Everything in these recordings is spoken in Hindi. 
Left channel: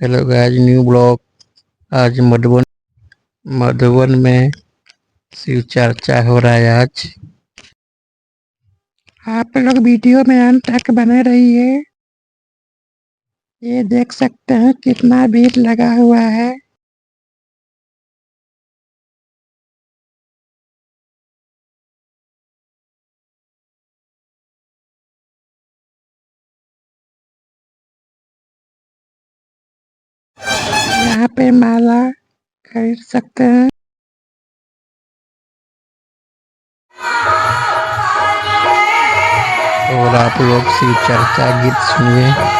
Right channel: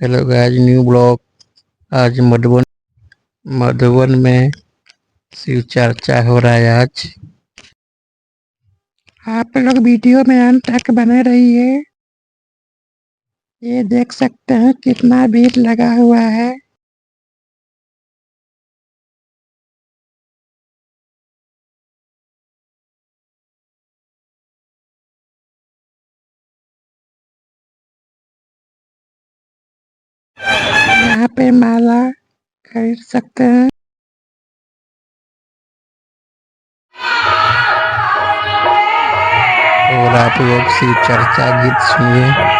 Hello guys, new blog. आज मधुबन में शिव चर्चा हो रहा है। आज आप लोग वीडियो में अंत तक बने रहिए। ये देख सकते हैं कितना भीड़ लगा हुआ है। यहाँ पे माला खरीद सकते हैं। और आप लोग शिव चर्चा गीत सुनिए।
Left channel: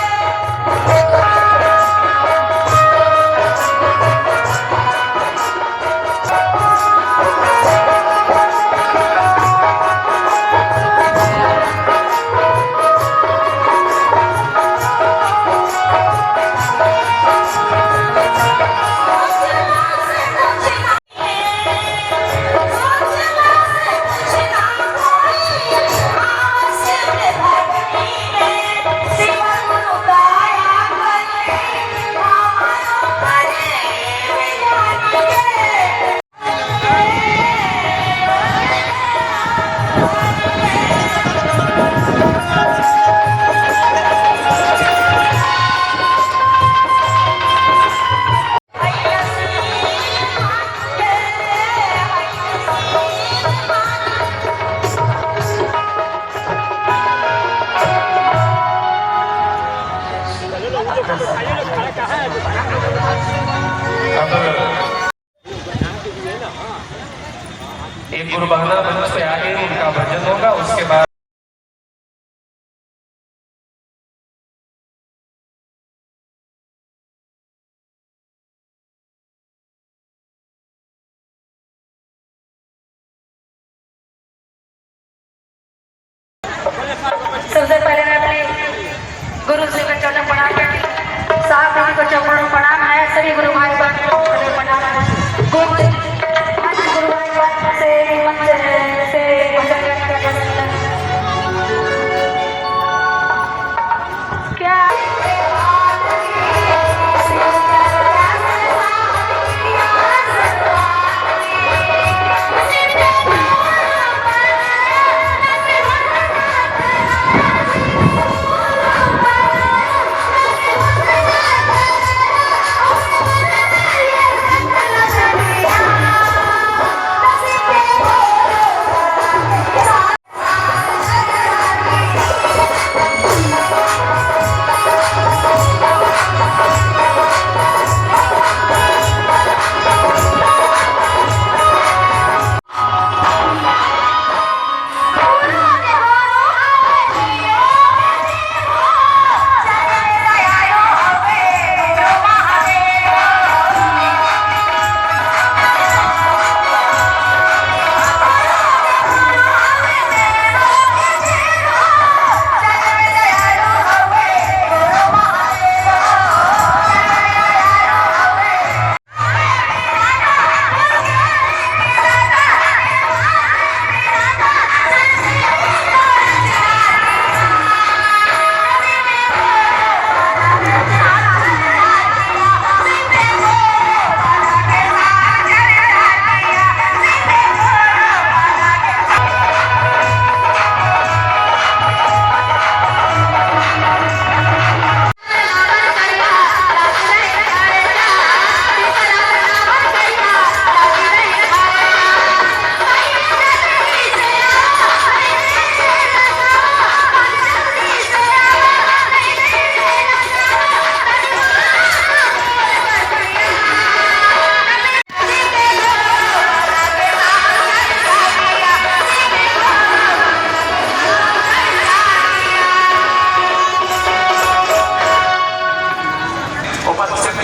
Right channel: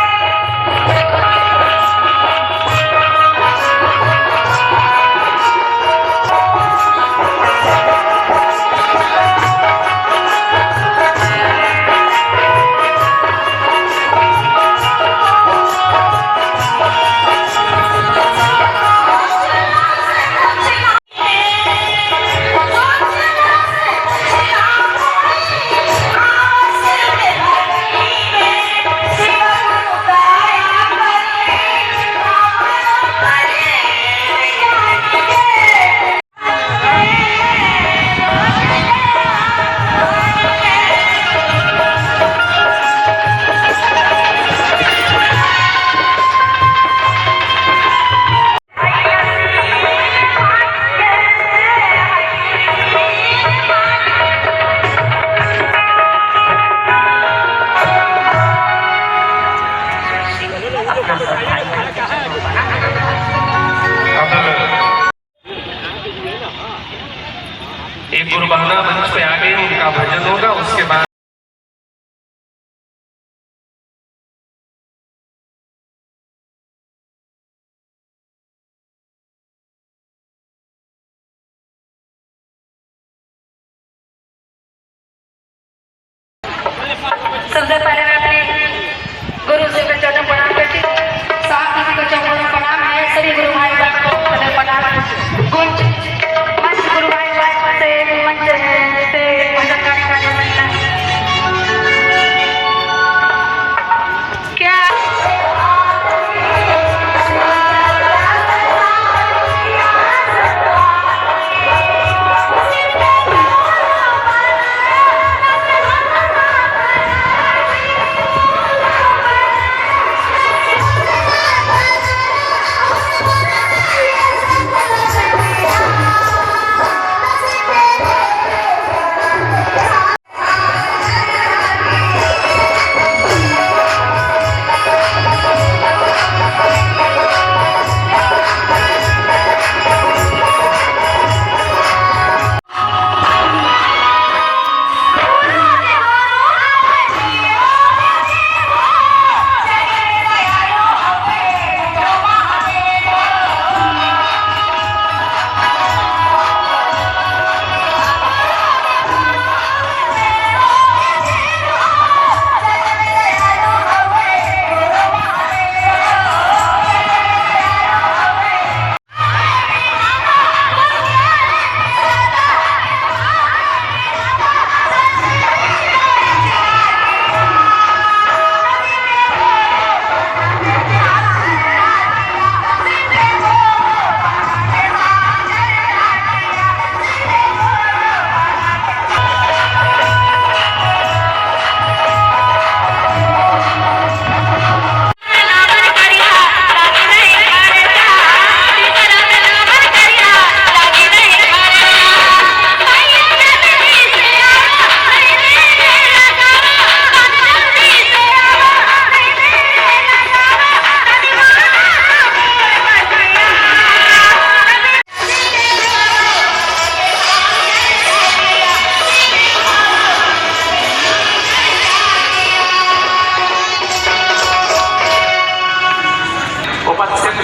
एक गुरबाना मंच पे आगे उनका भजन होगा, उसके बाद सबसे पहले मैं अपने गुरु जी को चरण प्रणाम करती हूँ। साहब जी को चरण प्रणाम है। सभी गुरु भाई बहन को प्रणाम है। कुछ मंच गुरु भाई बहन से मंच से भजन करने क्या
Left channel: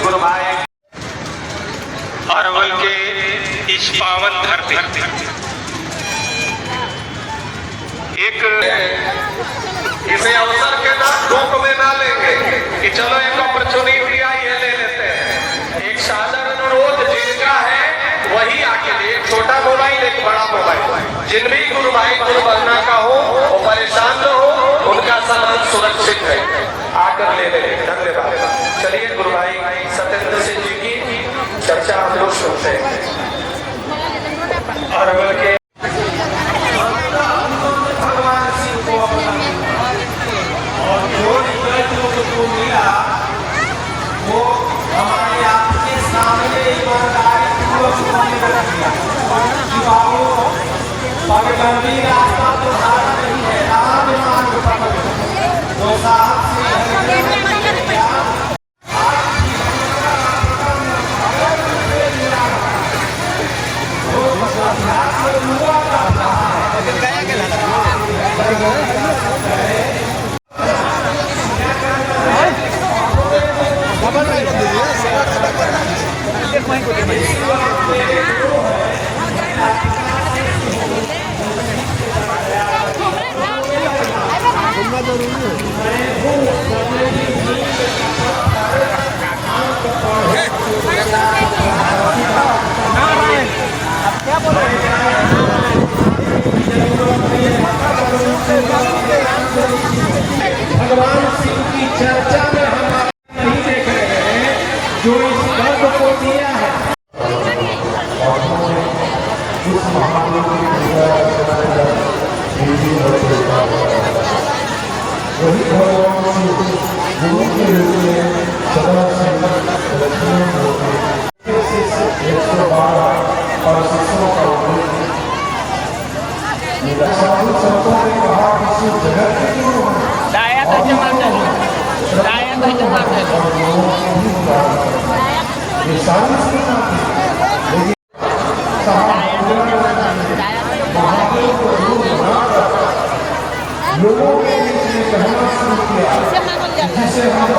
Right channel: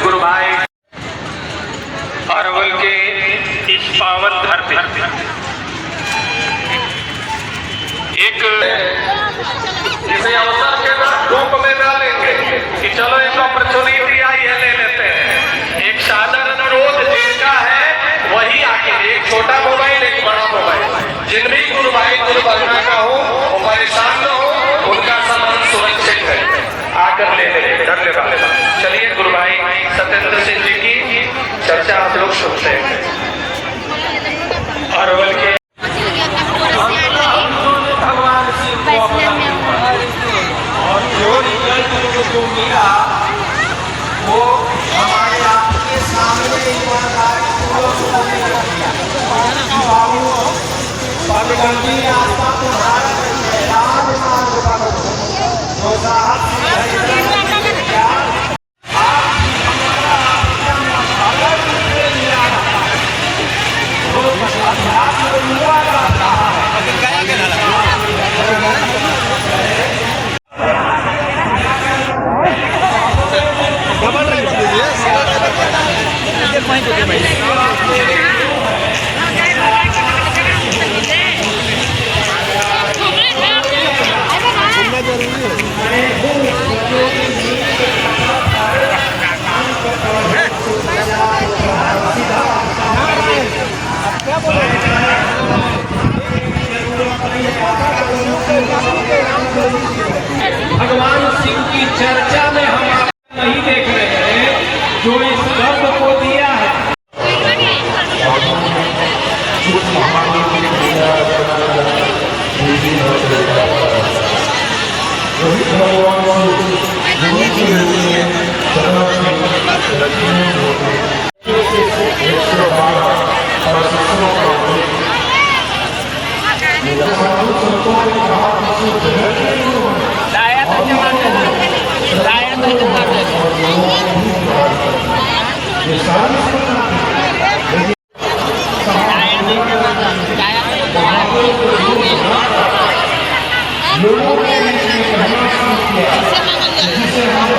गुरु भाई अरवल के इस पावन धरती एक इसे अवसर के बाद रूप में डालेंगे कि चलो एक अपॉर्चुनिटी आई है, ले लेते हैं। एक साधारण अनुरोध जिनका है वही आके, एक छोटा मोबाइल एक बड़ा मोबाइल, जिन भी गुरु भाई गुरु बनना का हो वो परेशान न हो, उनका सामान सुरक्षित है, आकर ले ले। धन्यवाद। चलिए गुरु भाई चर्चा आप लोग सुनते हैं और बल्कि भगवान शिव को और जो मिला वो हमारे आपके सामने पगडंडी रास्ता तुम्हारा नहीं है, राजमार्ग पकड़ो तो साहब भगवान शिव की चर्चा में हम नहीं देख रहे हैं जो इस गर्भ को दिया है। लोगों ने कहना शुरू किया जिसे हम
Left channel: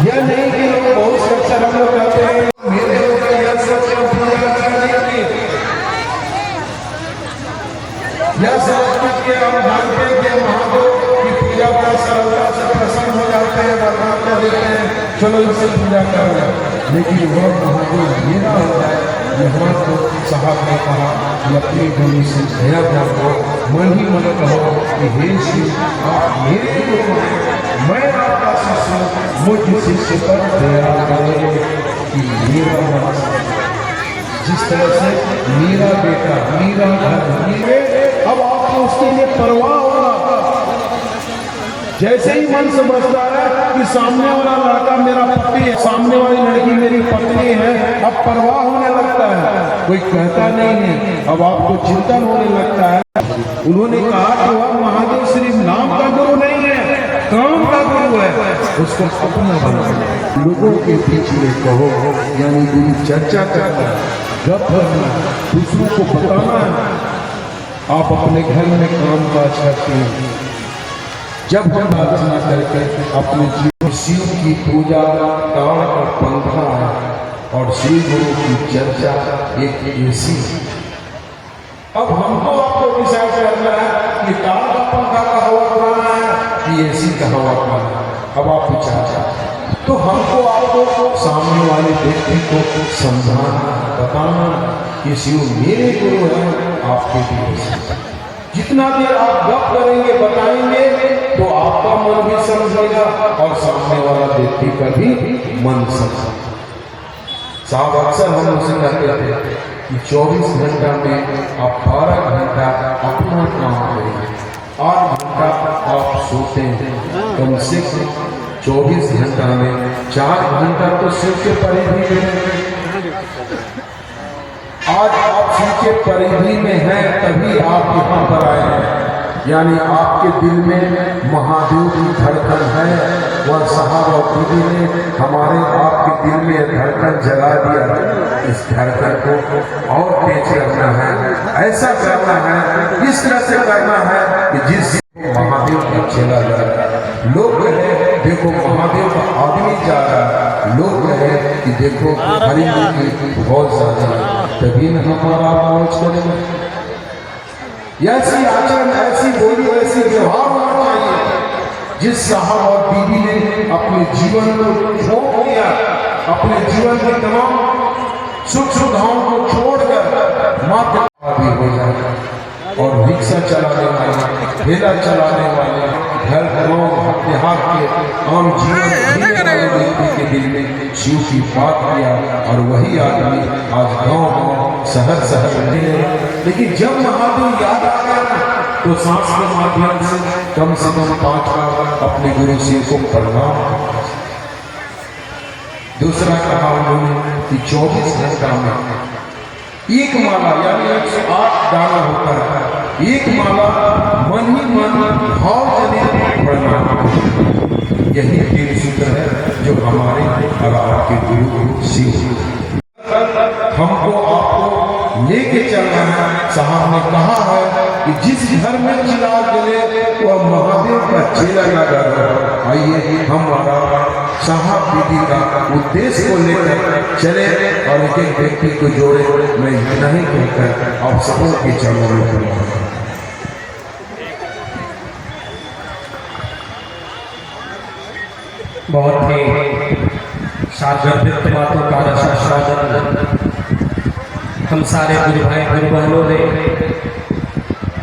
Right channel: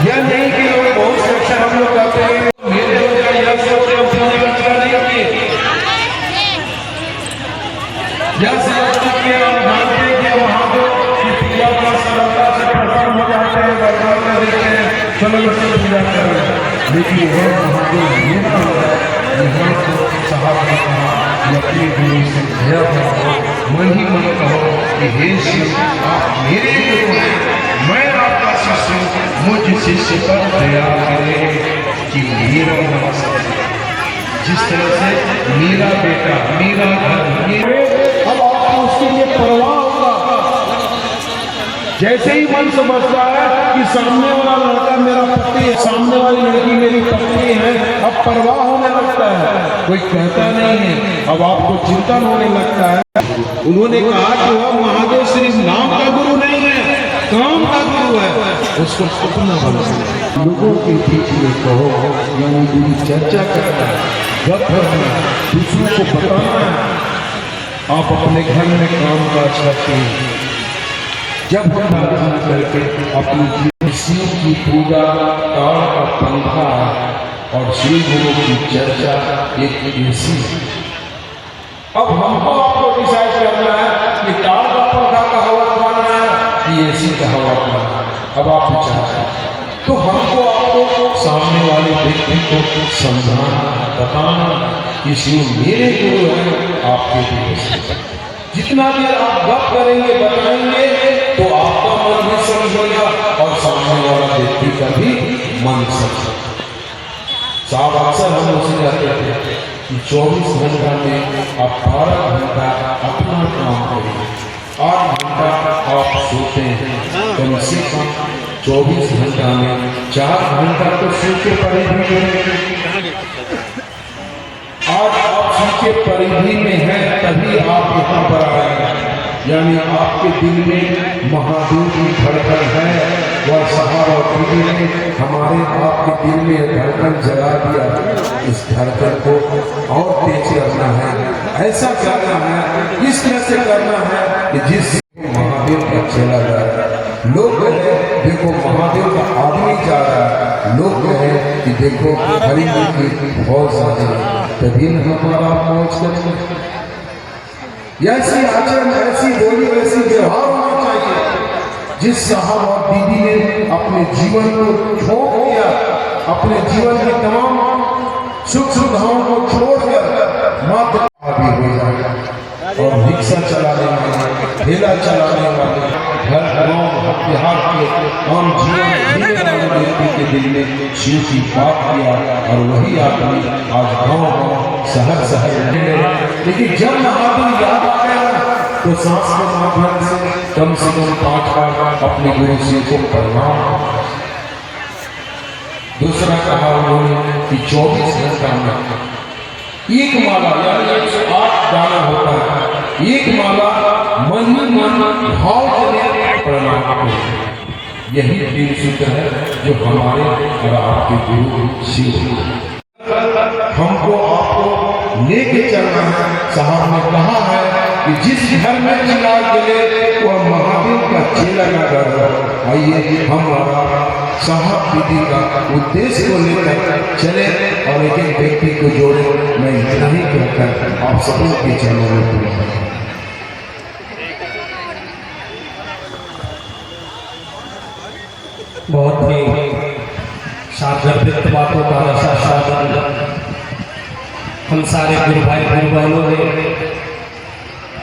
यह नहीं कि लोग बहुत से अक्सर हम लोग कहते हैं मेरे होगा यह सोच अपनी रक्षा नहीं की यह समझते कि हम मानते हैं कि महादेव की पूजा का सरलता से प्रसन्न हो जाते हैं भगवान को देते हैं चलो इसे पूजा करें लेकिन वह महादेव मेरा होगा यहाँ तो साहब ने कहा कि अपने गुरु से दया करो मैं ही मन कहो कि हे शिव आप मेरे गुरु हैं मैं आपका शिष्य मुझ शिष्य पर दया करे कि मेरा जिस तरह से मेरा बेटा मेरा घर अब आपको उसके लिए परवाह होगा। जैसे ही मन समझता है कि सामने वाला लड़का मेरा पति है सामने वाली लड़की मेरी पत्नी है अब परवाह होने लगता है कोई कहता नहीं है अब आपको चिंतन होने लगता है। उन्होंने कहा कि वह महादेव सिर्फ नाम का गुरु नहीं है काम का गुरु है उसको अपना लोगों के बीच में कहो यानी गुरु चर्चा करना है गप करना है दूसरों को बताना है। आप अपने घर में काम काज करते हैं जब प्रार्थना करके अपनी शिव की पूजा काल का पंखा है और श्री गुरु की चर्चा एक ऐसी। अब हमको आपको डिसाइड करना है कि काल का पंखा का हवा करना है कि ऐसी का हवा करना है। अब आप विचार तो हमको आपको सामने वाले व्यक्ति को समझाना बताना कि शिव मेरे गुरु है आपके लिए जितना देर आप गप करेंगे बताएंगे तो आपका मन भी समझेगा और सामने वाला व्यक्ति का भी मन समझेगा। साहब अक्सर हम उसे कहते थे कि 24 घंटा में आप 12 घंटा अपना काम करें 8 घंटा आप सोते हैं कम से कम 24 घंटा में 4 घंटा तो सिर के परिधि में। आज आप सिर के परिधि में हैं तभी आप यहाँ पर आए हैं यानी आपके दिल में महादेव की धड़कन है। वह साहब और दीदी ने हमारे आपके दिल में धड़कन जगा दिया। इस धड़कन को और तेज करना है, ऐसा करना है, इस तरह से करना है कि जिस महादेव का चला जा रहा है, लोग कहे देखो महादेव का आदमी जा रहा है, लोग कहे कि देखो हरिंद्र की बहुत ज्यादा है, तभी न हमारा मौज करेंगे। ऐसी आचरण, ऐसी बोली, ऐसी व्यवहार होना चाहिए। जिस साहब और बीबी ने अपने जीवन को छोड़ दिया, अपने जीवन के तमाम सुख सुविधाओं को छोड़कर मात्र भी हो जाए और रिक्शा चलाने वाले, ठेला चलाने वाले, घर गाँव बिहार के आम जीवन जीने वाले व्यक्ति के दिल में शिव की बात किया और वही आदमी आज गाँव शहर शहर रहने लगे। लेकिन जब महादेव याद आ गया तो सांस के माध्यम से कम 5 बार अपने गुरु शिव को प्रणाम। दूसरा कहा उन्होंने कि 24 घंटा में एक माला यानी 108 दाना होता है, एक माला मन ही मन भाव जनित प्रणाम। यही 3 सूत्र है जो हमारे और आपके गुरु शिव हमको आपको लेके चलना है। साहब ने कहा है कि जिस घर में चिराग जले वह महादेव का चेला न डरे। आइए हमारा साहब दीदी का उद्देश्य को लेकर चले और एक एक व्यक्ति को जोड़े। मैं इतना ही कहकर आप सबों के चरणों में पड़ा। बहुत ही सार्थक बातों का रसास्वादन हम सारे गुरु भाई गुरु बहनों ने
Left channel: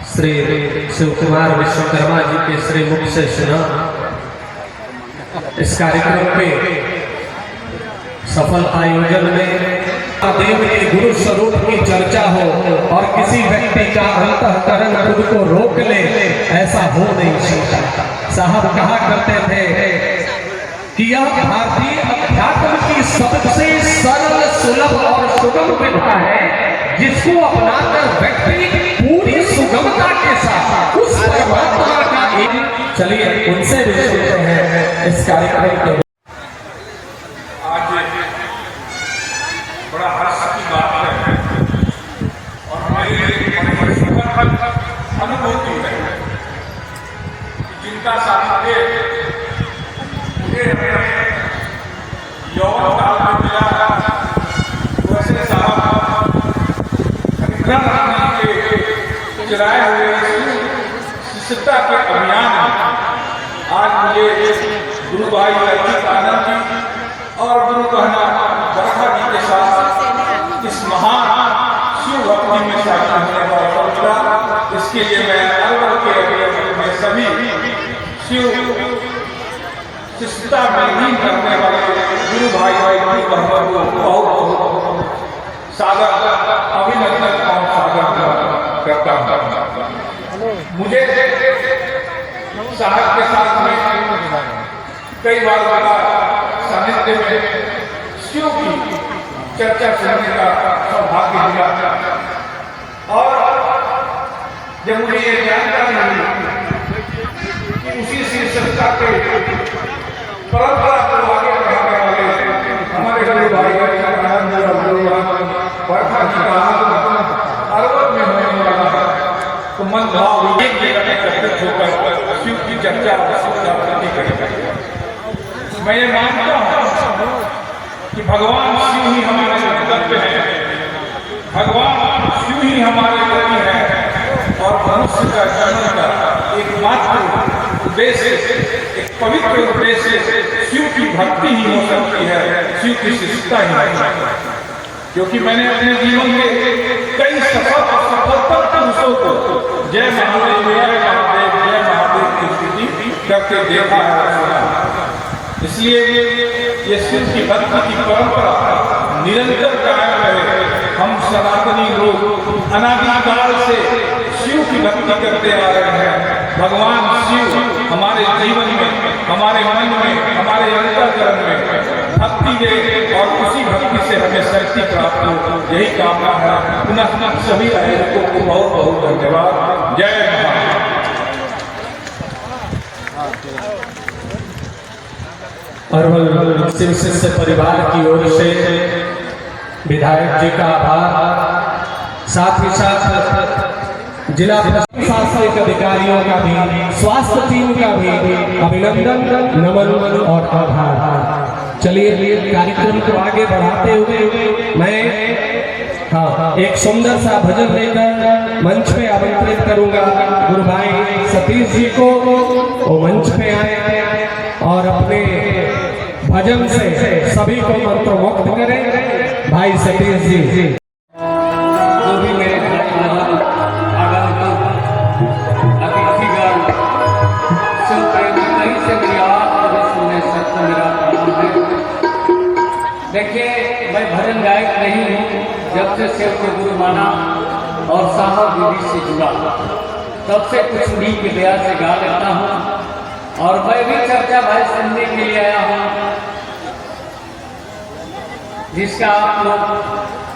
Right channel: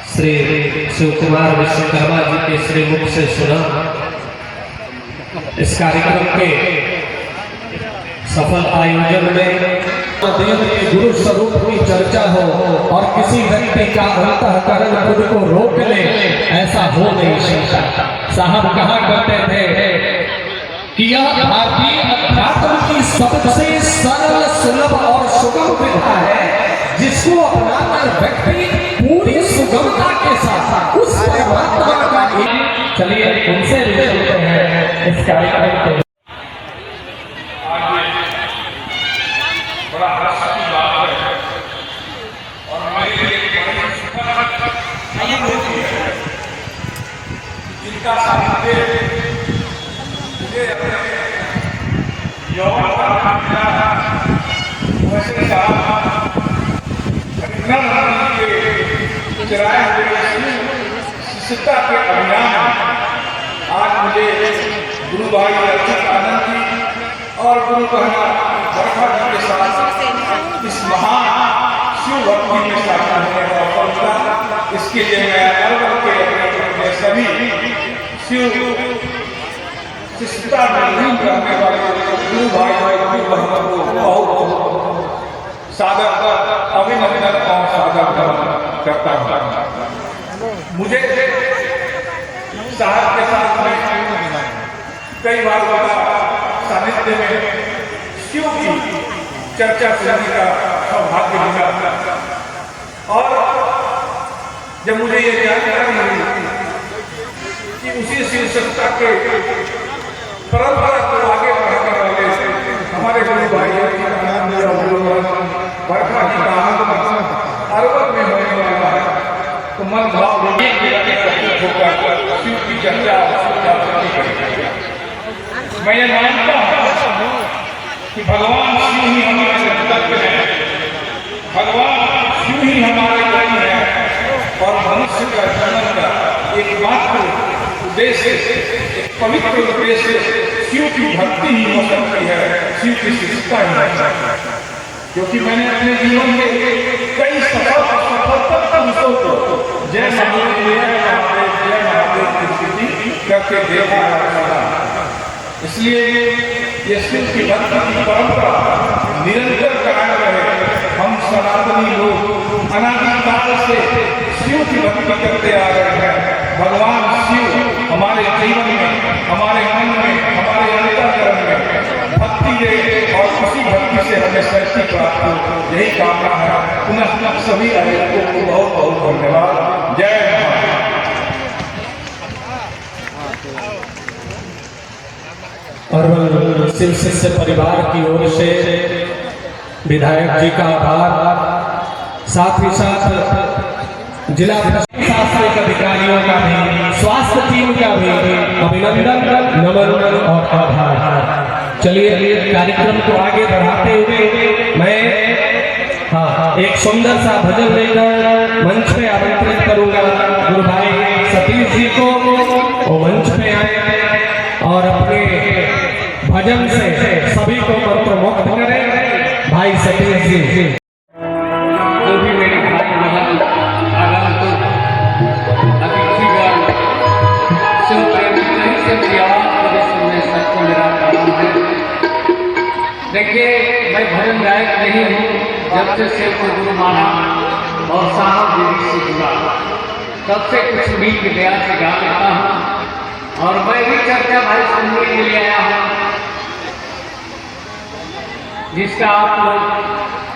श्री शिव कुमार विश्वकर्मा जी के श्री मुख से सुना। इस कार्यक्रम के सफल आयोजन में देव के गुरु स्वरूप की चर्चा हो और किसी व्यक्ति का अंतःकरण खुद को रोक ले, ऐसा हो नहीं सकता। साहब कहा करते थे कि यह भारतीय अध्यात्म की सबसे सरल, सुलभ और सुगम विधा है, जिसको अपनाकर व्यक्ति पूरी सुगमता के साथ उस परमात्मा का एक। चलिए उनसे भी सुनते हैं इस कार्यक्रम के। आज बड़ा हर्ष की बात है और मेरे लिए बड़ी सुखद अनुभूति है जिनका सानिध्य मुझे यौवन काल में मिला। वैसे साहब हरिंद्र के चलाए हुए शिष्यता के अभियान में आज मुझे गुरु भाई अर्जित आनंद जी और गुरु बहना बरखा जी के साथ इस महान शिव भक्ति में शामिल होने का अवसर मिला। इसके लिए मैं अरवल के अपने सभी शिव शिष्यता में लीन करने वाले गुरु भाई और गुरु बहनों को बहुत बहुत सादर अभिनंदन और सादर करता हूँ। मुझे साहब के साथ में कई बार सानिध्य में शिव की चर्चा सुनने का सौभाग्य मिला और जब मुझे ये जानकारी मिली कि उसी शीर्षकता के परंपरा को आगे बढ़ाने वाले हमारे गुरु भाई बरखा जी का अरवल में होने वाला है, तो मन भाव एकत्रित होकर शिव की चर्चा करेंगे। मैं ये मानता हूँ कि भगवान शिव ही हमारे गंतव्य है, भगवान शिव ही हमारे गति है और मनुष्य का जन्म का एकमात्र उद्देश्य, एक पवित्र उद्देश्य शिव की भक्ति ही हो सकती है, शिव की शिष्यता ही हो सकती है। क्योंकि मैंने अपने जीवन में कई सफल सफलतम पुरुषों को जय महादेव जय महादेव जय महादेव की स्तुति करके देखा है। इसलिए ये शिव की भक्ति की परंपरा निरंतर कायम रहे। हम सनातनी लोग अनादिकाल से शिव की भक्ति करते आ रहे हैं। भगवान शिव हमारे जीवन में, हमारे मन में, हमारे अंतःकरण में भक्ति दे और उसी भक्ति से हमें शक्ति प्राप्त हो, यही कामना है। पुनः सभी अनेकों को बहुत बहुत धन्यवाद। जय महादेव। अरवल शिव शिष्य परिवार की ओर से विधायक जी का आभार, साथ ही साथ जिला प्रशासनिक अधिकारियों का भी, स्वास्थ्य टीम का भी अभिनंदन, नमन और आभार। चलिए कार्यक्रम को आगे बढ़ाते हुए मैं एक सुंदर सा भजन लेकर मंच पे आमंत्रित करूंगा गुरु भाई सतीश जी को। वो मंच पे आए और अपने भजन से सभी को मंत्रमुग्ध करें। भाई सतीश जी जो भी मेरे भाई आगंतुक अतिथिगण शिव प्रेमी कहीं से भी मुझे सुनने सकते मेरा काम है। देखिए मैं भजन गायक नहीं हूँ, जब से शिव को गुरु माना और साहब देवी से जुड़ा तब से कुछ भी की दया से गा लेता हूँ। और मैं भी चर्चा भाई सुनने के लिए आया हूँ, जिसका आप लोग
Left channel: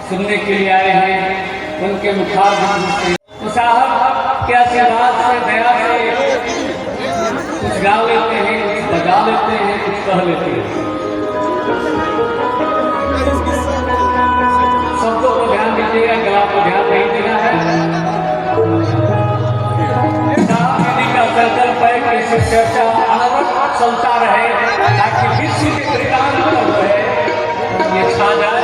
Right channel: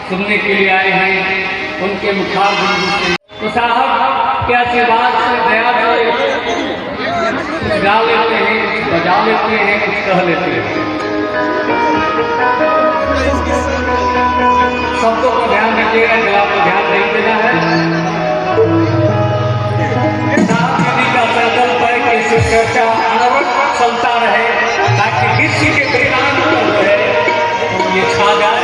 सुनने के लिए आए हैं उनके मुखार बिंदु से। तो साहब के आशीर्वाद से, दया से कुछ गा लेते हैं, कुछ बजा लेते हैं, कुछ कह लेते हैं। शब्दों को ध्यान दीजिएगा, गला को ध्यान नहीं देना है। साहब नदी का संकल्प है कि इस चर्चा अनवरत चलता रहे ताकि किसी के कल्याण कर रहे ये छा जाए।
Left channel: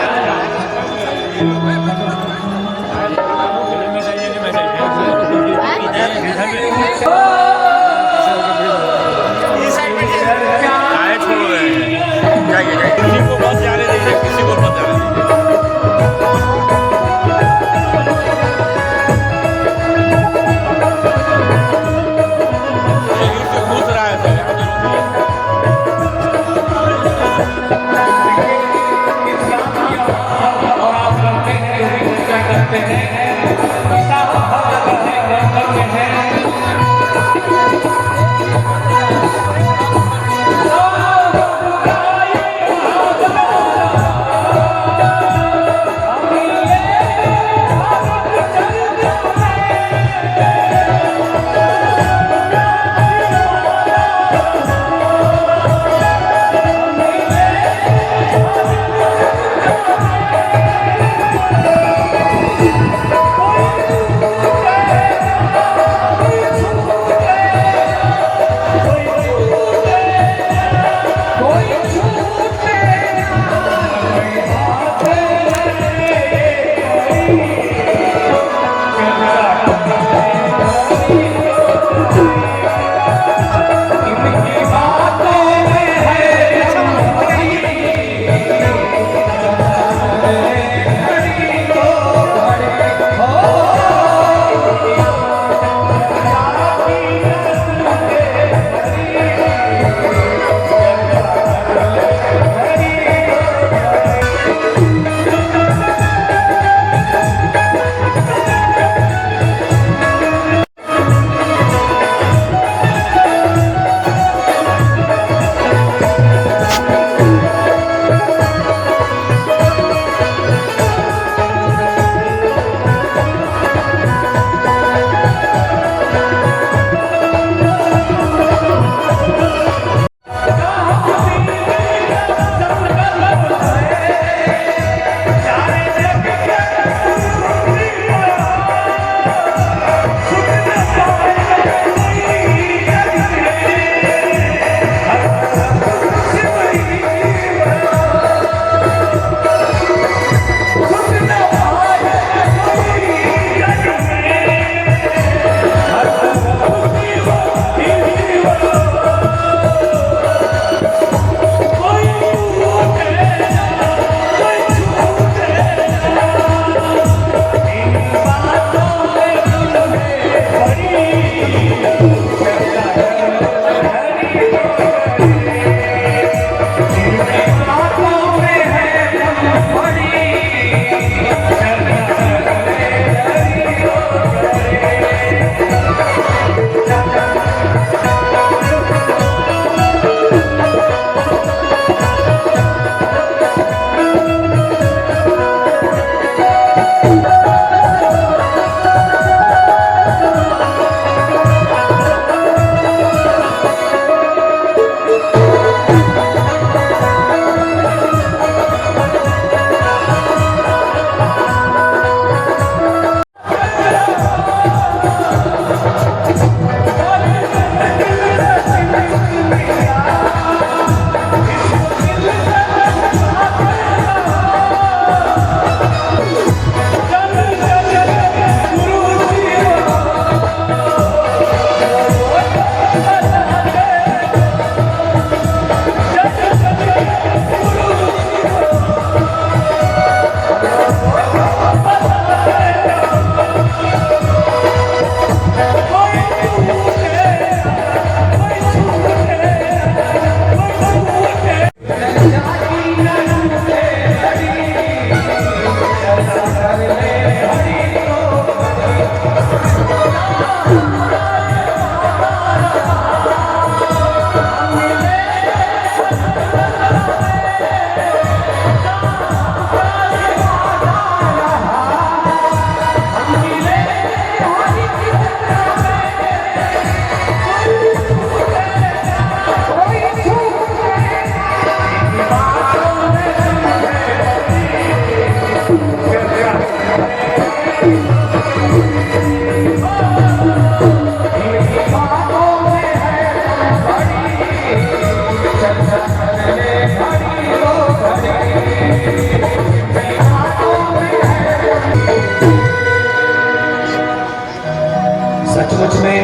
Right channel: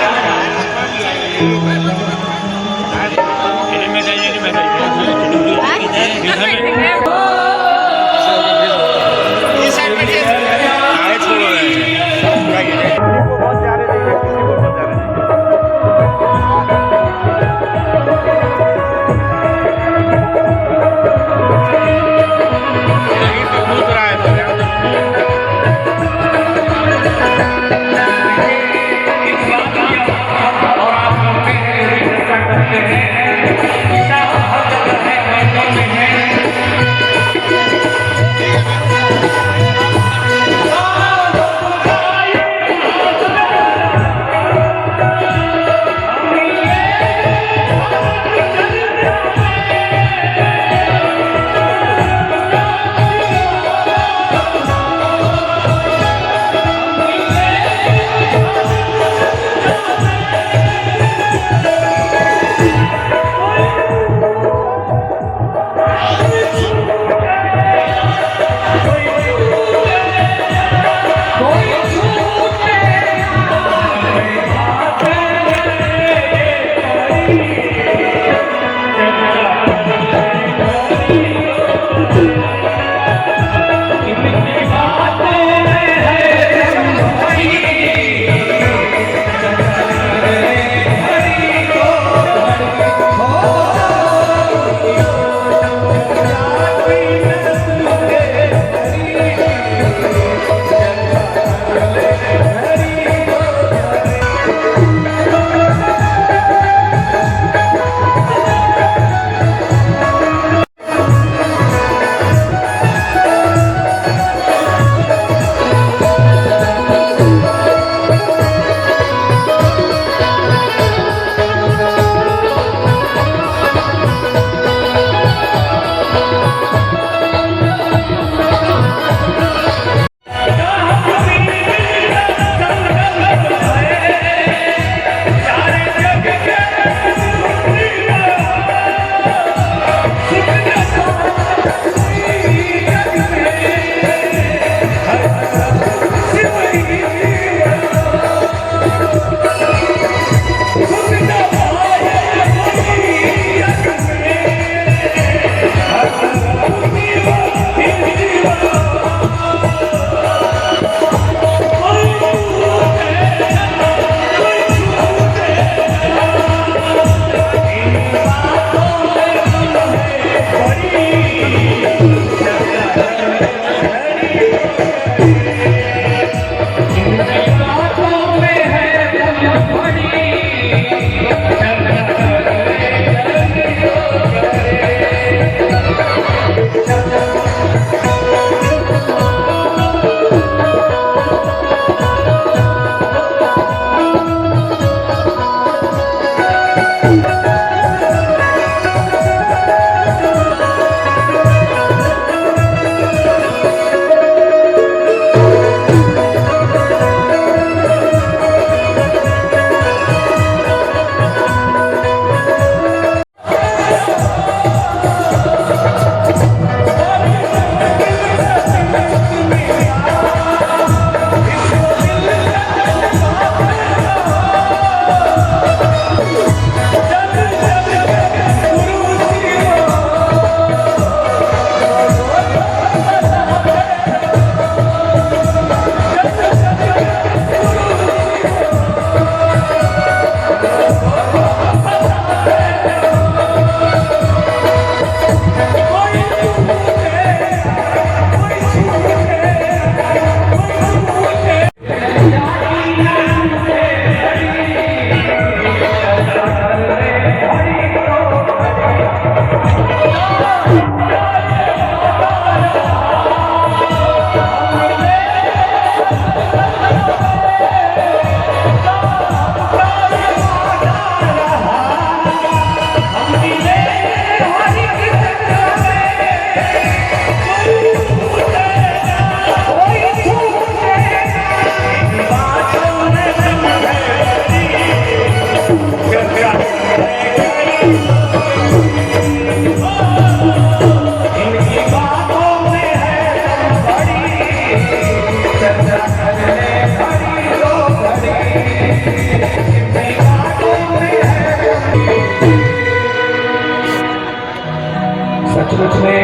उसमें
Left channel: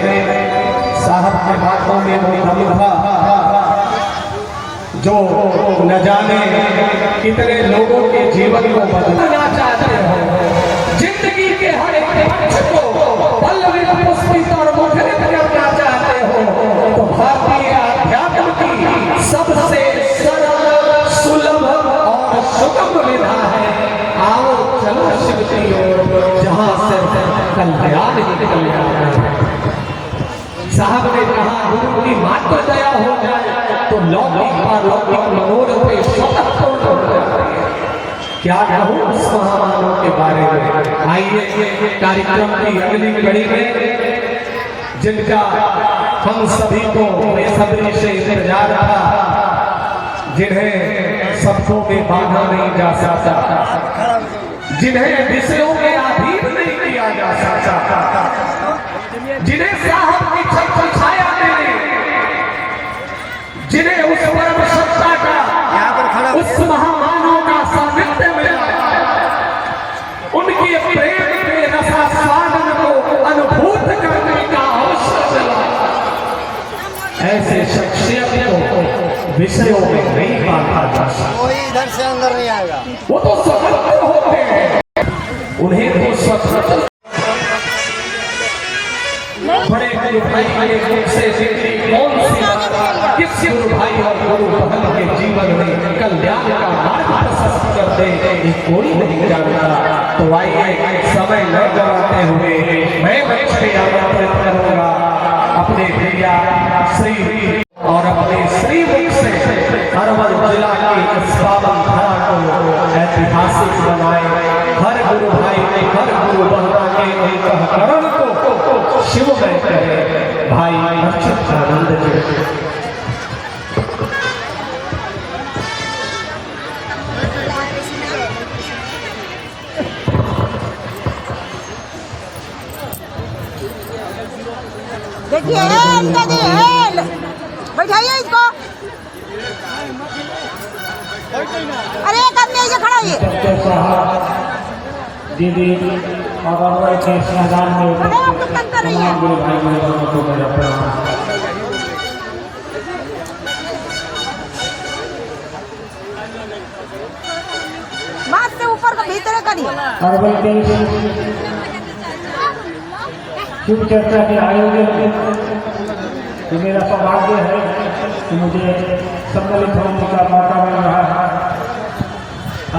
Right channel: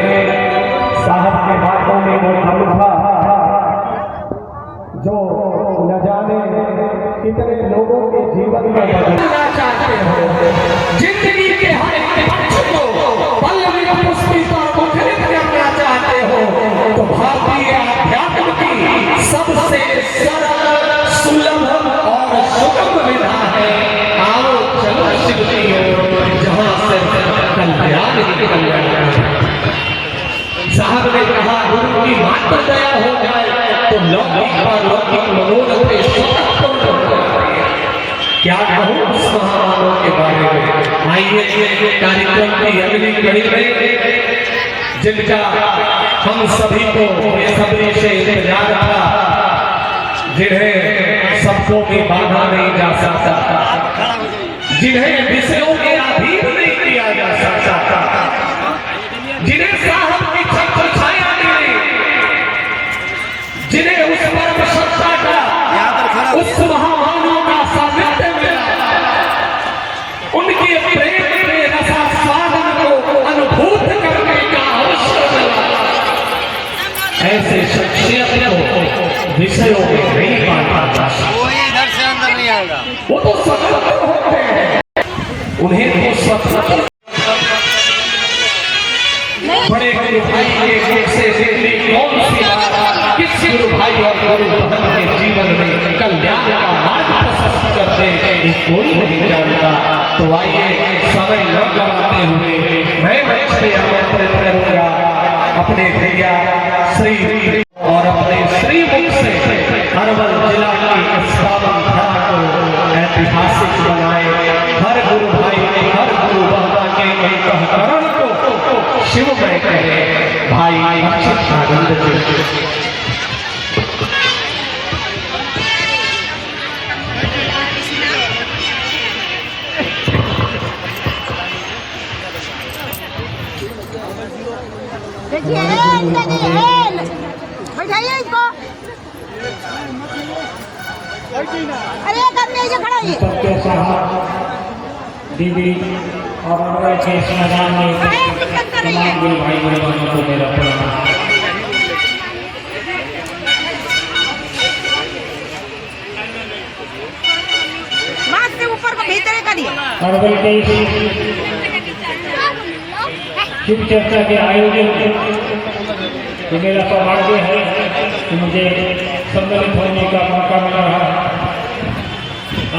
साहब के बातों में वो दम था जो न जाने कितने लोगों के जीवन को बदलना चाहते हो। जिंदगी के हर एक पक्ष को पल में पुष्पित और मुखरित करना चाहते हो तो भारतीय अध्यात्म की सबसे सरल, सुलभ और सुगम विधा है आओ चलो शिव की ओर, जहां से कल्याण ही कल्याण है। साहब ने कहा गुरु की मात्र दया हो जाए तो लौकिक पारलौकिक मनोरथ सतत पूर्ण हो जाते हैं। क्या कहूँ उस महामानव के बारे में। आइए कार्यक्रम की अगली कड़ी में जिनका हम सभी को बेसब्री से इंतजार था, जिन्हें सबको भी बांधा नहीं जा सकता, जिन्हें विषयों के अधीन नहीं किया जा सकता, जिन्हें साहब की छत्र छाया मिली, जिन्हें उस परम सत्ता का, उस महामानव का सानिध्य मिला, उनके प्रेम के रसास्वादन को अनुभूत करने का अवसर मिला। ऐसे शख्सियत को विषयों में नहीं बांधा जा सकता। कोई इधर से अंदर नहीं आएगा। वो तो स्वतंत्र होते हैं, उन्हें तो स्वतंत्र बड़े गुरु भाई के मुख से निकली कौन सी बात किस गुरु भाई और गुरु बहन के जीवन में कल्याण का मार्ग प्रशस्त कर दे ये कोई नहीं जानता। तो आइए समय न गवाते हुए मैं बच्चे आमंत्रित करूंगा अपने भैया श्री और अपने श्री मुख से अरवल जिला की इस पावन धरा को ऐतिहासिक बनाए। हर गुरु भाई में हर गुरु बहना के अंतःकरण को शिवमय कहे भाई अच्युत आनंद जी। देखिए बैठाइए इसको। अरे एक आदमी ये खड़ा है। दीदी और अरवल के इस मैदान में तमाम गुरु भाई बहनों को मेरा प्रणाम। बात से ऊपर को भीतर करिए। अरवल के शिव चर्चा के आयोजन ये मेरा सौभाग्य है कि मुझे सम्मिलित होने का मौका मिल रहा है,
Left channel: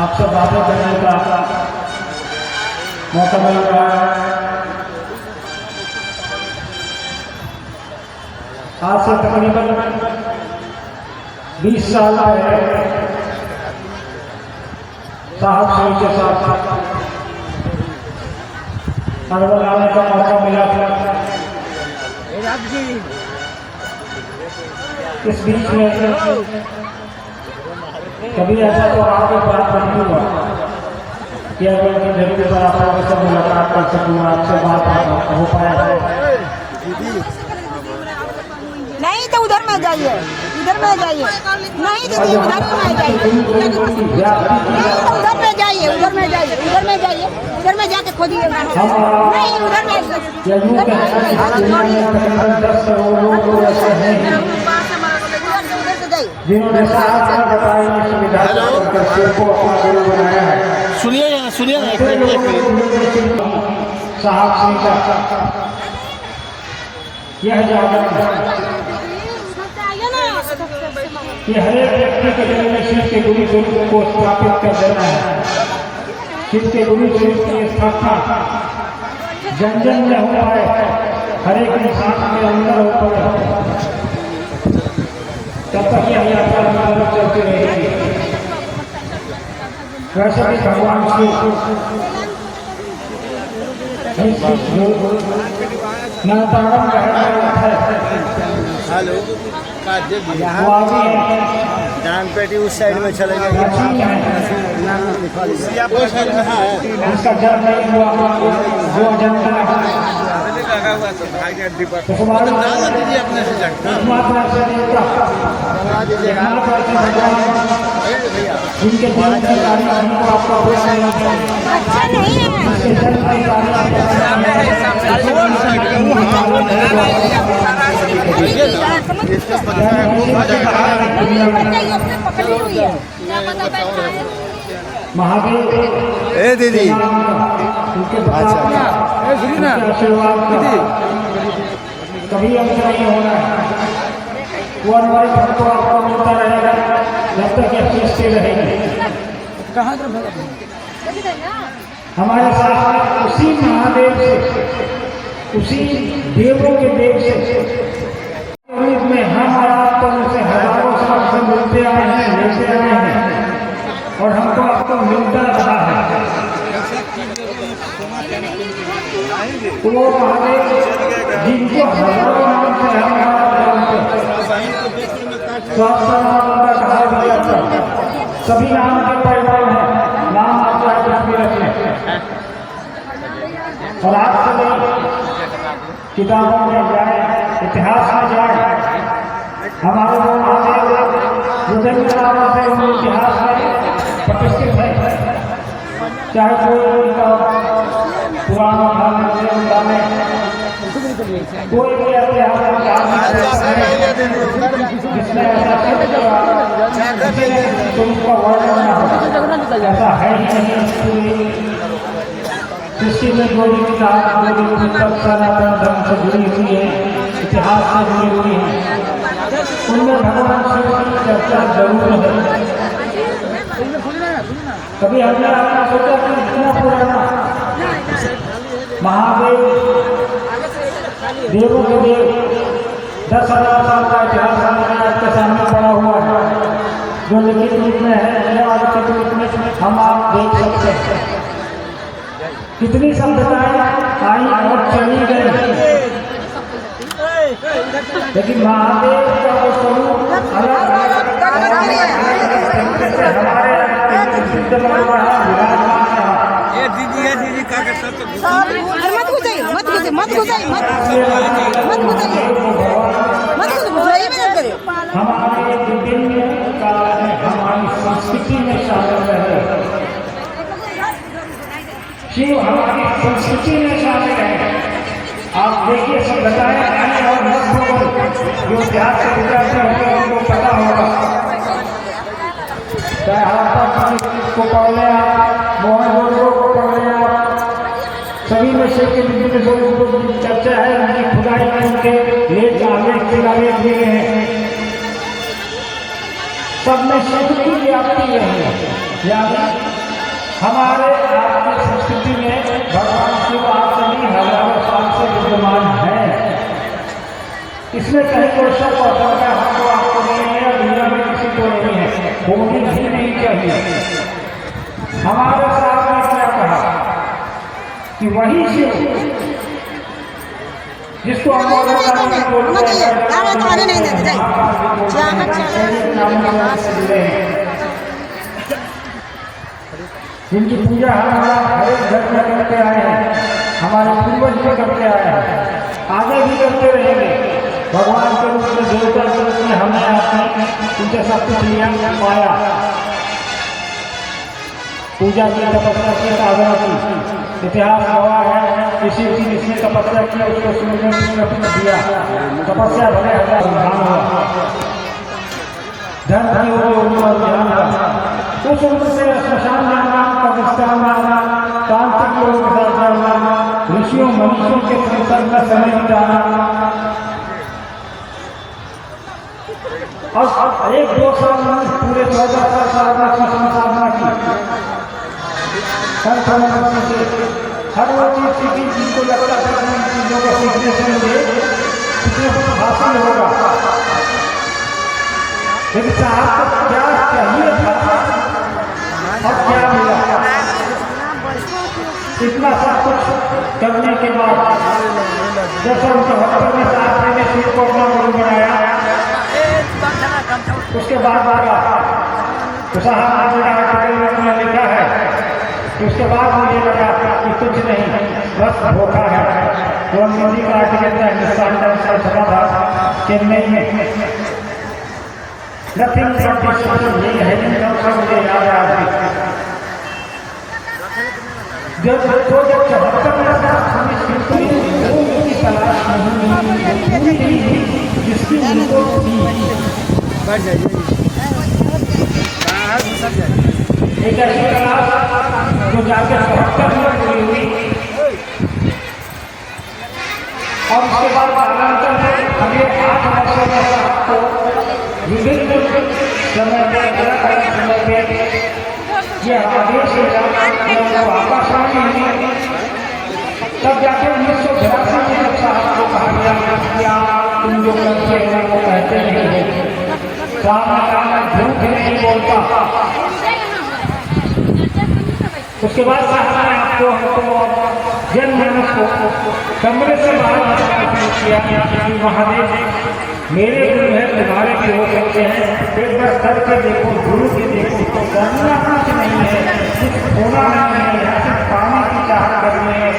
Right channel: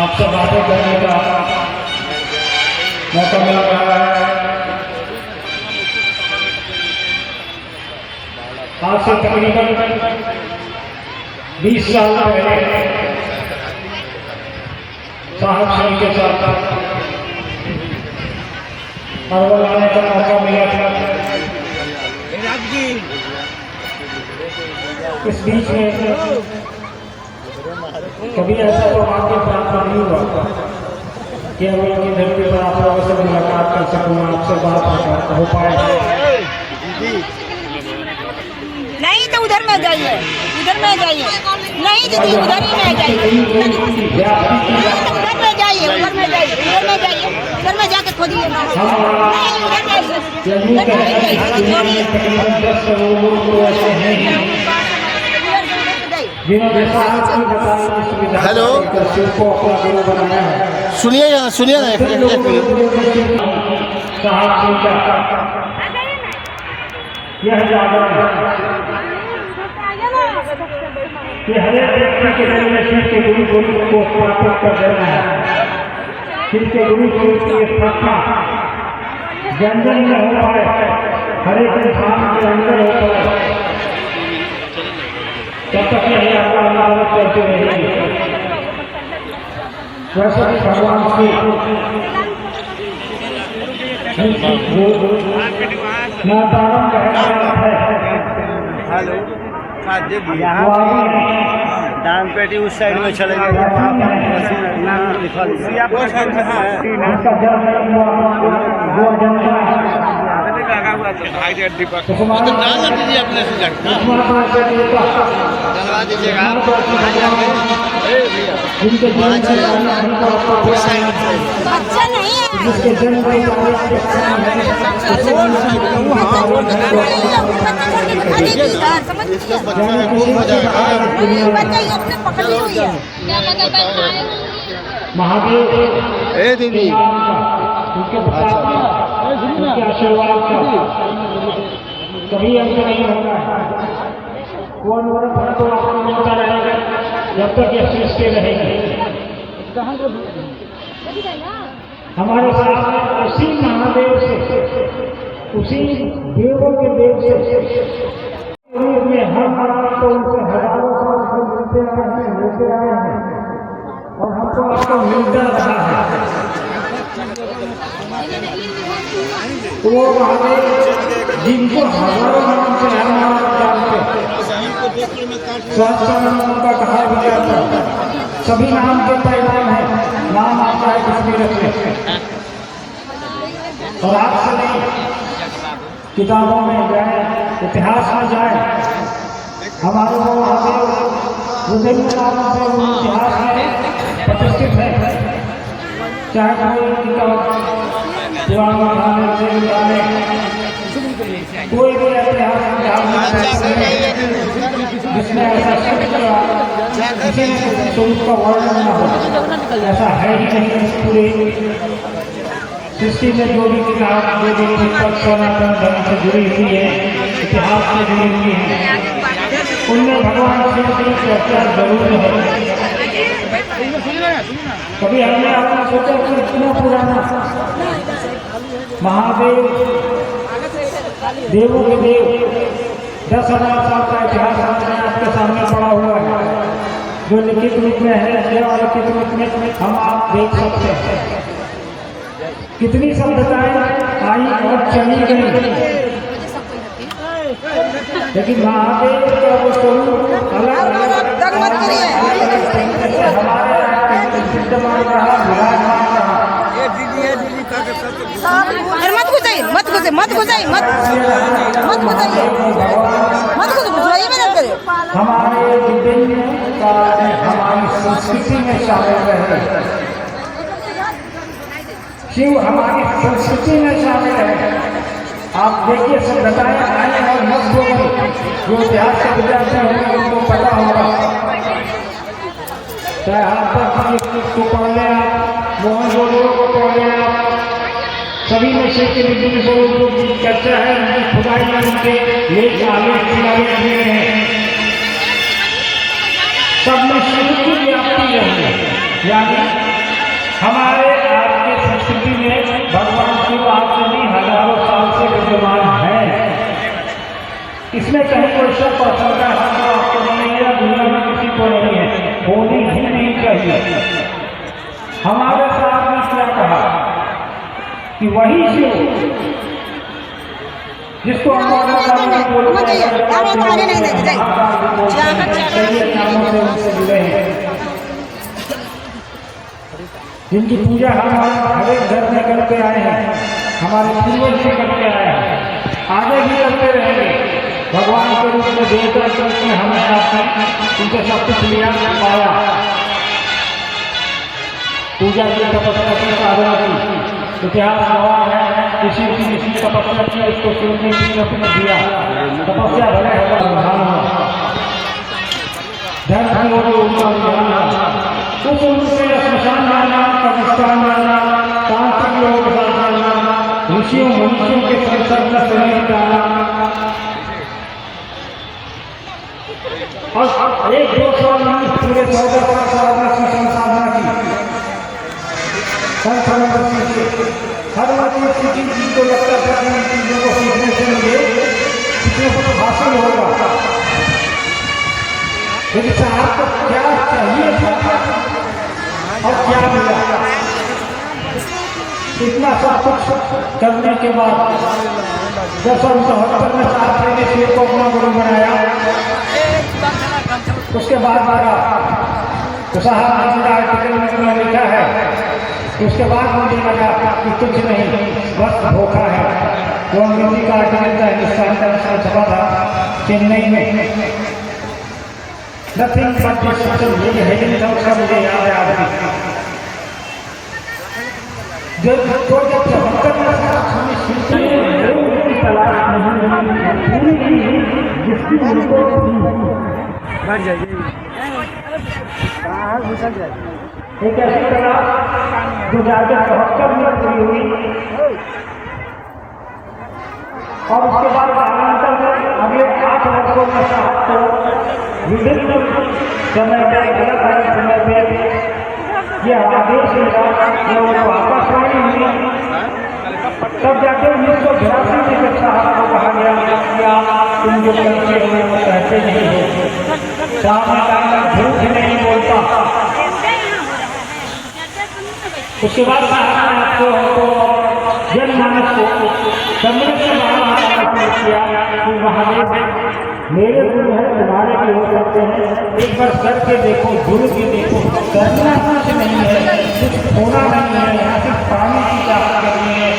आप सब बातें करने का मौका मिल रहा है। आज से तकरीबन 20 साल पहले साहब श्री के साथ अरवल आने का मौका मिला था। इस बीच में कभी ऐसा तो आपके प्राप्त नहीं हुआ कि अरवल की धरती पर आप लोगों से मुलाकात कर सकूँ, आपसे बात हो पाए। नहीं तो उधर में जाइए, उधर में जाइए। नहीं दीदी उधर ही में जाइए। नहीं तो उधर में जाइए, उधर में जाइए, उधर में जाइए, उधर में जाके खोजिए। नहीं उधर में सुनिए यहाँ सुनिए साहब सिंह का यह जागरण कि हर एक व्यक्ति के दिल में शिव के गुरु स्वरूप को स्थापित कर देना है। शिव के गुरु स्वरूप की स्थापना जन जन में हो पाए, हर एक इंसान के अंदर हो पाए, तब तक यह यात्रा अनावत चलती रहेगी। वैसे ही भगवान नातारम दान पेटी उस साइड में चले गए। उसका जन्म नहीं हुआ जो जनता जिनके जन्म की तारीख हमको आपको बतानी है, अच्छा नहीं है जिसके जन्म की तारीख पकड़ी हुई है महादेव ए दीदी उनके आशीर्वाद का कभी अंत नहीं होना है। वो अनवरत हमको आपको मिलता रहेगा जब तक ये सृष्टि रहेगी। हमारे साथ में उसी महादेव से, उसी देवों के देव से रूप में हम और आप तो उनसे हजारों साल से मिलते आए हैं, लेते आए हैं और हमको आपको मिलता रहा है। वो महादेव जिनको हजारों नाम से हम जानते हैं, स्वास्थ्य नाम उनका कहा भी जाता है, सभी नाम के परिणाम है, नाम आता है उसमें रखिए और आज से नहीं किताबों में जाए, इतिहास में जाए, हमारे वो महादेव विभिन्न नामों से उन इतिहास में प्रतिष्ठित है। चाहे कोई किताब पुराण निकाले, कोई भी ऐतिहासिक जिसमें ऐसा स्वरूप का वर्णन न हो, ऐसा है ही नहीं। पूरी सृष्टि में जो भी किताब, जो भी पुस्तक सनातन धर्म से जुड़ी हुई है, इतिहास से जुड़ी हुई है, उनमें भगवान शिव की चर्चा जरूर है। कभी हमने आपने सोचा कि इतना पुराना महादेव देवों के देव 10,000 साल का इतिहास आपके सामने पड़ा हुआ है, जो लिखित रूप में है, लिखित रूप में हम आप देख सकते हैं। कितनी सभ्यताएं आई और चली गई, लेकिन महादेव का वो स्वरूप अलग अलग मत घुसे मत घुसाई मत हमारे विभिन्न कार्य हमारी संस्कृति में शामिल रहे। शिव हमारी संस्कृति में शामिल है। आप देखिए सब बताए और मत बोलो, जो इतिहास से विद्यार्थी होंगे उनको पता होगा। चाहे हड़प्पा को पढ़ लें आप, मोहनजोदड़ो को पढ़ लें आप, सभी में शिव के विभिन्न स्वरूपों की चर्चा है, उनकी खुदाई में उनके लेख दिए हैं। सब में शिव की व्याप्ति है, यानी हमारे आपकी संस्कृति में भगवान शिव आज से नहीं हजारों साल से विद्यमान है। इसमें कहीं कोई शक और शंका हमको आपको नहीं है, दुनिया में किसी को नहीं है, होनी ही नहीं चाहिए। हमारे साथ ने क्या कहा कि वही शिव जिसको हम जिनकी पूजा हमारा हर एक घर में करते आए हैं, हमारे पूर्वज भी करते आए हैं, आगे भी करते रहेंगे। भगवान के रूप में, देवता के रूप में हमने आपने उनसे सब कुछ लिया, पाया, पूजा की, तपस्या की, साधना की। इतिहास गवाह है, किसी तपस्या की उसको सुनने के लिए अपने दिया, तपस्या भले होगा, ध्यान हुआ, धर्म की ओर उनका ध्यान हुआ। उस उम्र से श्मशान जाना, कब्रिस्तान जाना, तांत्रिक लोगों के साथ जाना, ऋषियों मनुष्यों के संसर्ग में समय बिताना, और 1-2 साल नहीं, पूरे 14 साल साधना की, संसाधना की, हर वो चीज जिनको लगता था कि चीजों को सीखने से मुझे किसी को हासिल होगा, लेकिन साहब को क्या चाहिए था और क्या मिला। इतना सब कुछ करने के बाद 19do में साहब ने शिव को अपना गुरु बनाया। उसके बाद साहब आज आर्टिकल में लिखा है, उसके बाद मुझे लगा कि कुछ नहीं, बस धोखा है। वो अंग्रेजी का आर्टिकल था, हिंदुस्तान का छपा था चेन्नई में। नथिंग बट डिस्कशन ये हेडिंग का मुझे याद आ रहा है। जब 74 में हमें शिल्प में की तलाश नहीं जिसकी उनको थी एक ऐसी तलाश जो जाकर 72 में पूरी हुई और उसके बाद कालांतर में अगले 8 वर्षों में साहब को विभिन्न समय में अलग अलग समय में यह आदेश को आकाशवाणी हुई। तब जाके 1982 में जब साहब को कहा गया तुम जो करते हैं वो कहते नहीं हो, साहब झूठ नहीं बोलता। उसके बाद साहब ने आपको हमको जनमानस को कमरे से बाहर बताना शुरू किया कि महादेव मेरे गुरु हैं, तुम्हारे भी हो सकते हैं, एक बार करके देखो, जुड़ के देखो। करना कुछ नहीं है, कुछ होना नहीं है, सिर्फ पानी की चाहत करनी है।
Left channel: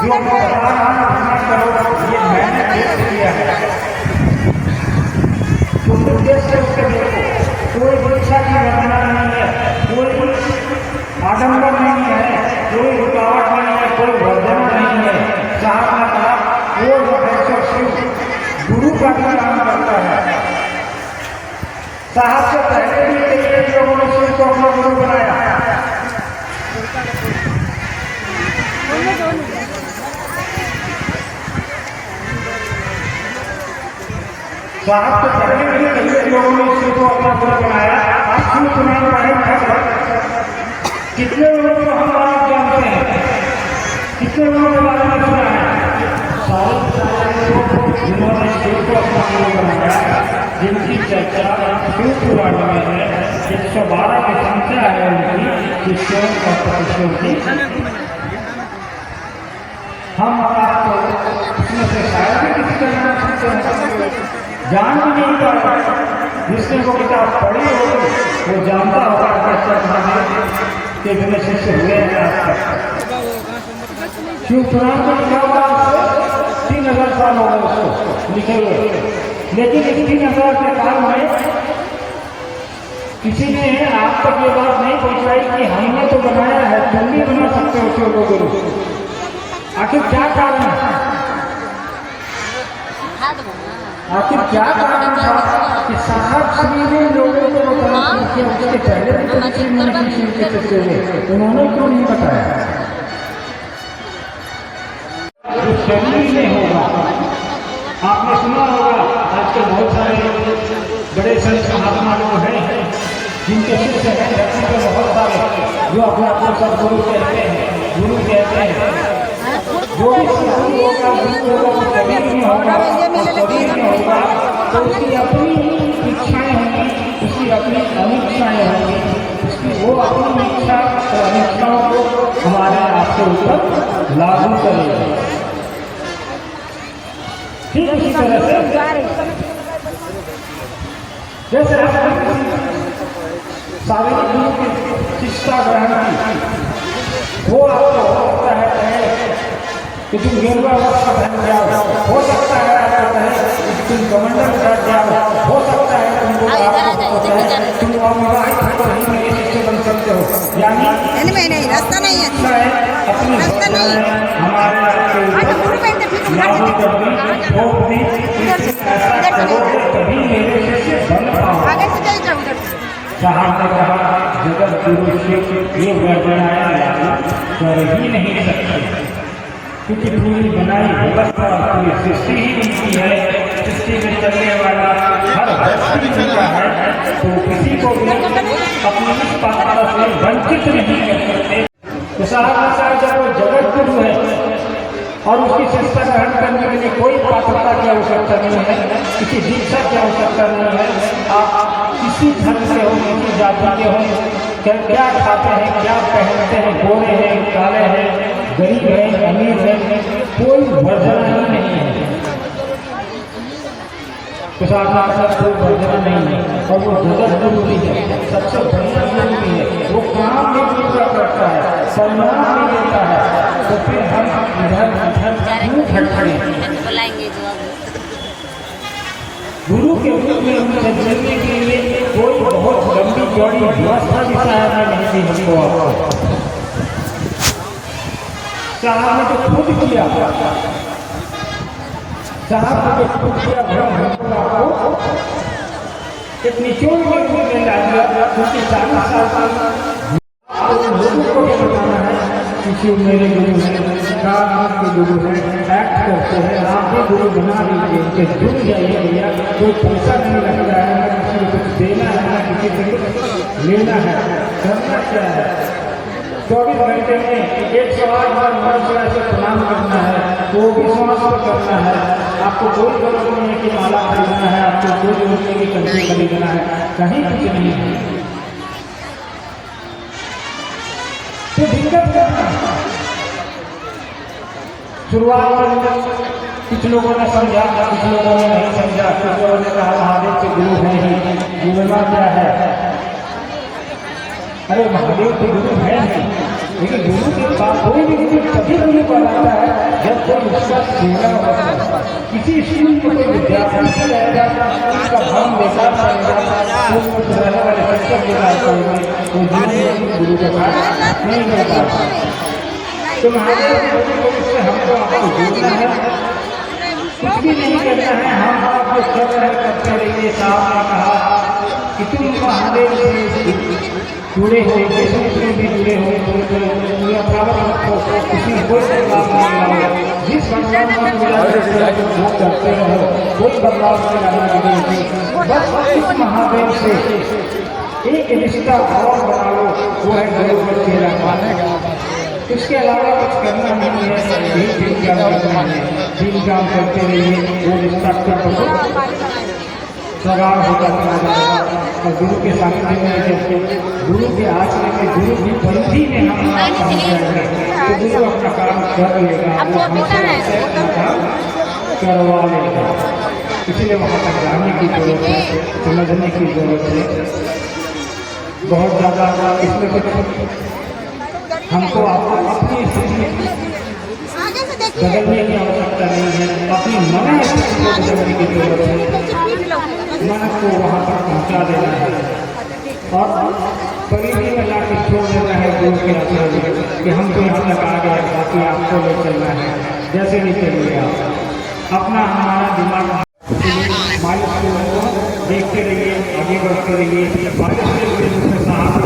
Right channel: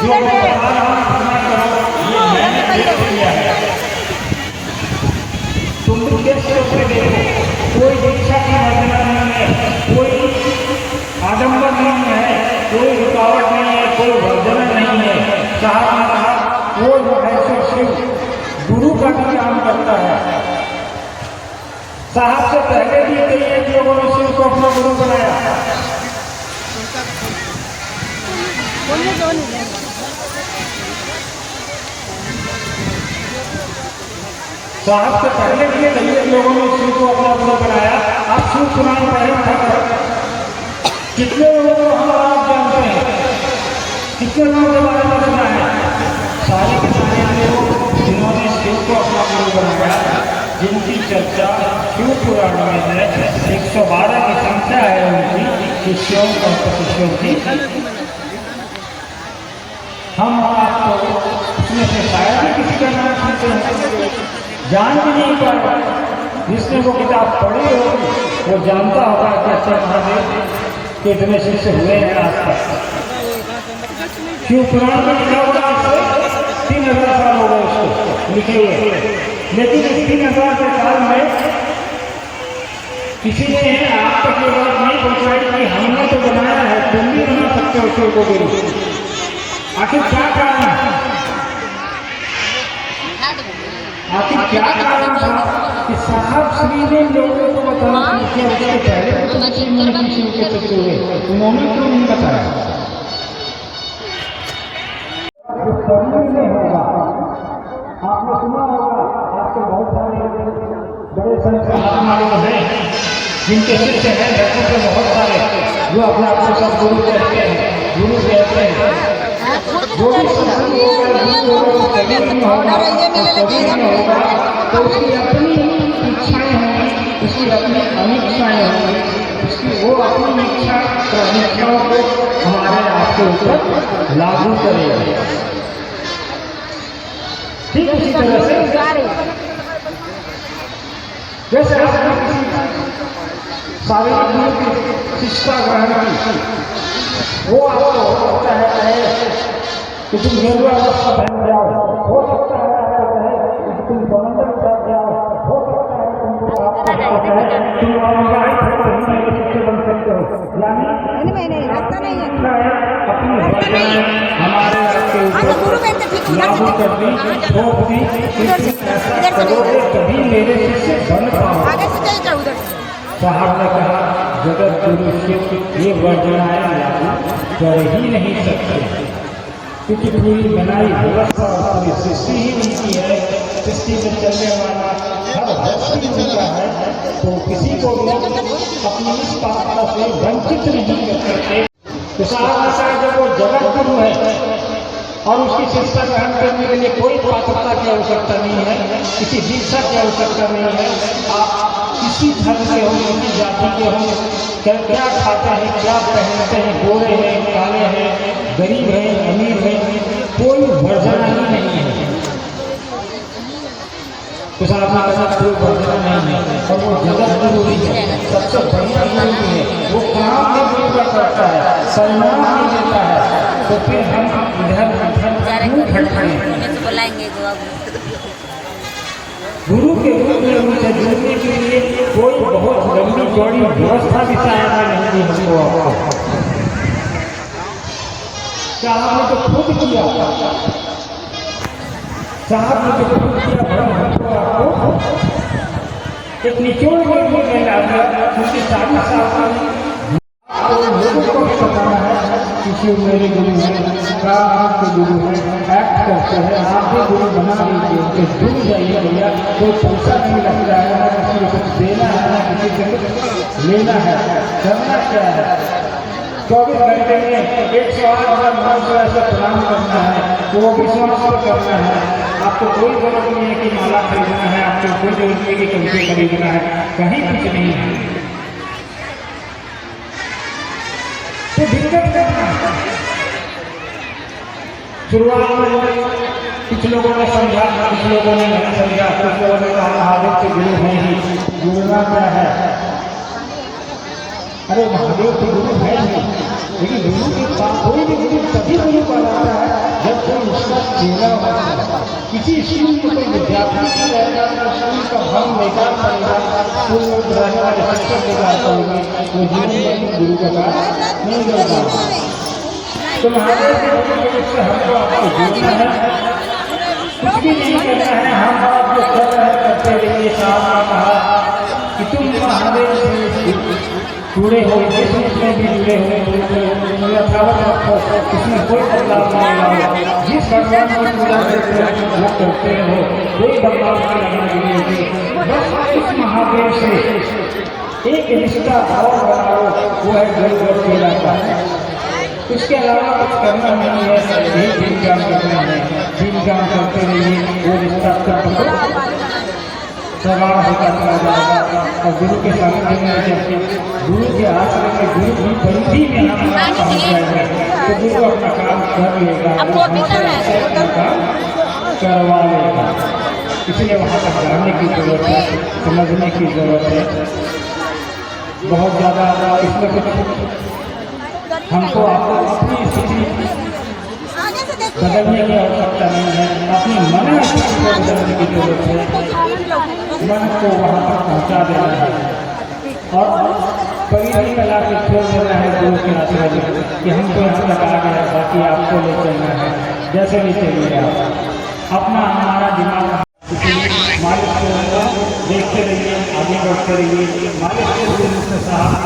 जो मैं बता रहा हूँ करो, ये मैंने देख लिया है। तुम उद्देश्य उसके देखो, कोई इच्छा की वर्णना नहीं है, कोई आडम्बर नहीं है, कोई रुकावट नहीं है, कोई वर्धना नहीं है। साहब ने कहा वो महेश्वर शिव गुरु का भी काम करता है। साहब से पहले भी कई लोगों ने शिव को अपना गुरु बनाया। साहब से पहले भी कई लोगों ने शिव को अपना गुरु बनाया। आप शिव सुनाई रहे कितने लोगों को हम आप जानते हैं, कितने लोगों के बारे में सुना है? सारे लोग जिन्होंने शिव को अपना गुरु बनाया, जिनकी चर्चा शिव पुराण में है, 112 की संख्या है उनकी शिष्यों और प्रतिष्ठों की। हम आपको उसमें से शायद भी किसी का नाम सुनते हैं, जान भी नहीं पाता। जिसने वो किताब पढ़ी होगी वो जानता होगा कि के इतने शिष्य हुए हैं आज तक। शिव पुराण में लिखा हुआ 3000 साल हो गए उसको लिखे हुए, लेकिन इस 3000 के काल में किसी ने आप तक ये बात नहीं पहुंचाई कि हमने तो बनाया है, तुम भी बना सकते हो शिव को गुरु। आखिर क्या कारण है? आखिर क्या कारण था कि साहब श्री ने लोगों को बताया कि उसके पहले शिव के शिष्य हुए, उन्होंने क्यों नहीं बताया? जो फैमिली में होगा, आपने सुना होगा आजकल बहुत सारे बड़े संत महात्मा लोग हैं जिनके शिष्य हैं, धरती पर बहुत सारे जो अपने आप को सब गुरु कहते हैं, गुरु कहते हैं। जो भी गुरु होगा, गुरु होगा, वो शरीर में होगा, और शरीर में होगा तो उसकी अपनी इच्छाएं होंगी, उसकी अपनी अनिच्छाएं होंगी, उसकी वो अपनी इच्छा और अनिच्छाओं को हमारे आपके ऊपर लागू करेगा। ठीक उसी तरह से जैसे आपने शारीरिक शिक्षा ग्रहण की, वो आपको होता है कि तुम गेरुआ वस्त्र पहन जाओ, हो सकता है आपको कहे कि तुम कमंडल बैठ जाओ, हो सकता है तुमको आपको कहे तुम अविवाहित हो तो ही मेरे शिष्य बन सकते हो। यानी रास्ता नहीं है, अपनी हमारे आपके ऊपर लागू कर दी, थोप दी, ऐसा करोगे तभी मेरे शिष्य बन पाओगे। साहब ने कहा जगत गुरु से ये वर्णनाएं लागू कर ही नहीं सकते, क्योंकि पूरी बनाई व्यवस्था पूरी सृष्टि ही उनकी है। सृष्टि में चलने वाला हर व्यक्ति उनका है, तो किसी को भी अपनी इस पात्रता से वंचित नहीं कर सकते। तो साहब ने कहा जब वो जगत गुरु है और उसकी शिक्षा ग्रहण करने के लिए कोई पात्रता की आवश्यकता नहीं है, किसी दीक्षा की आवश्यकता नहीं है। आप किसी धर्म के हो, किसी जाति के हो, क्या खाते हैं, क्या पहनते हैं, गोरे हैं, काले हैं, गरीब है, अमीर है, कोई वर्जना ही नहीं है। तो साहब ने कहा कोई वर्जना नहीं है, और वो जगत गुरु है, सबसे बड़ी गुरु है। वो काम नहीं पूरा करता है, सम्मान नहीं देता है, तो फिर हम इधर क्यों भटके? गुरु के रूप में जुड़ने के लिए कोई बहुत लंबी चौड़ी व्यवस्था भी शायद नहीं दी हमको आपको। साहब ने तो खुद किया, साहब ने तो खुद किया भ्रम हमको आपको एक निचोड़ में नहीं ला दिया, क्योंकि 40 साल की लोगों को भी बताना है कि मेरे गुरु हैं, का आपके गुरु हैं, एक्ट करते हैं, आप भी गुरु बना लीजिए, उनके जुड़ जाइए भैया। कोई पैसा नहीं लग जाएगा, ना किसी को कुछ देना है, ना किसी से कुछ लेना है। करना क्या है, 24 घंटे में 108 बार मंत्र से प्रणाम करना है, तो वो विश्वास को करना है। आपको कोई जरूरत नहीं है कि माला खरीदना है, आपको कोई जरूरत नहीं है कि कंठी खरीदना है, कहीं कुछ नहीं है। तो दिक्कत क्या है? शुरुआत में कुछ लोगों ने समझा, कुछ लोगों ने नहीं समझा, कुछ लोगों ने कहा महादेव के गुरु हैं ही, गुरुना क्या है? अरे महादेव के गुरु है नहीं, लेकिन गुरु की बात कोई भी गुरु तभी गुरु कहलाता है जब कोई उसका चेहरा होता है। किसी स्कूल में कोई विद्यार्थी से रहेगा, स्कूल का भवन बेकार पड़ेगा, तो रहने वाले शिक्षक बेकार पड़ेगा, वो जीवन में गुरु का कार्य नहीं कर पाएगा। तो महादेव के गुरु से हमको आपको जोड़ना है, कुछ भी नहीं करना है। हम आप जो कर रहे करते रहिए। साहब ने कहा कि तुम महादेव से जुड़े हो, जिसमें भी जुड़े हो, यथावत रखो, इसमें कोई बदलाव नहीं लाओ। जिस भगवान की पूजा करते हो वो करते रहो, कोई बदलाव नहीं लाना चाहिए। बस उस महादेव से एक रिश्ता और बनाओ, वो है गुरु और चेला का। इसके अलावा कुछ करना नहीं है, यही दिन काम करना है। दिन काम करते रहिए, वो रिश्ता कर सगाव होता चला जाएगा। और गुरु के साथ गुरु के आश्रय में गुरु की परिधि में हम पहुँच जाएंगे, तो गुरु अपना काम कर लेगा, करवा लेगा। इसलिए वहाँ तक जाने की जरूरत है, समझने की जरूरत है। बहुत ज़्यादा इसमें कुछ हमको आपको अपनी स्थिति बदलने की आवश्यकता नहीं है, अपनी मन स्थिति को बदलने की जरूरत है। मन को वहाँ तक पहुँचा देना है और परिधि लगा के छोड़ देना है गुरु के आश्रय कि हम तो यहाँ तक आ गए, बाकी आपको ले चलना है, जैसे भी चलिएगा। अपना हमारा दिमाग मालिक को देखते रहिए, आगे बढ़ते रहिए। मालिक के साहब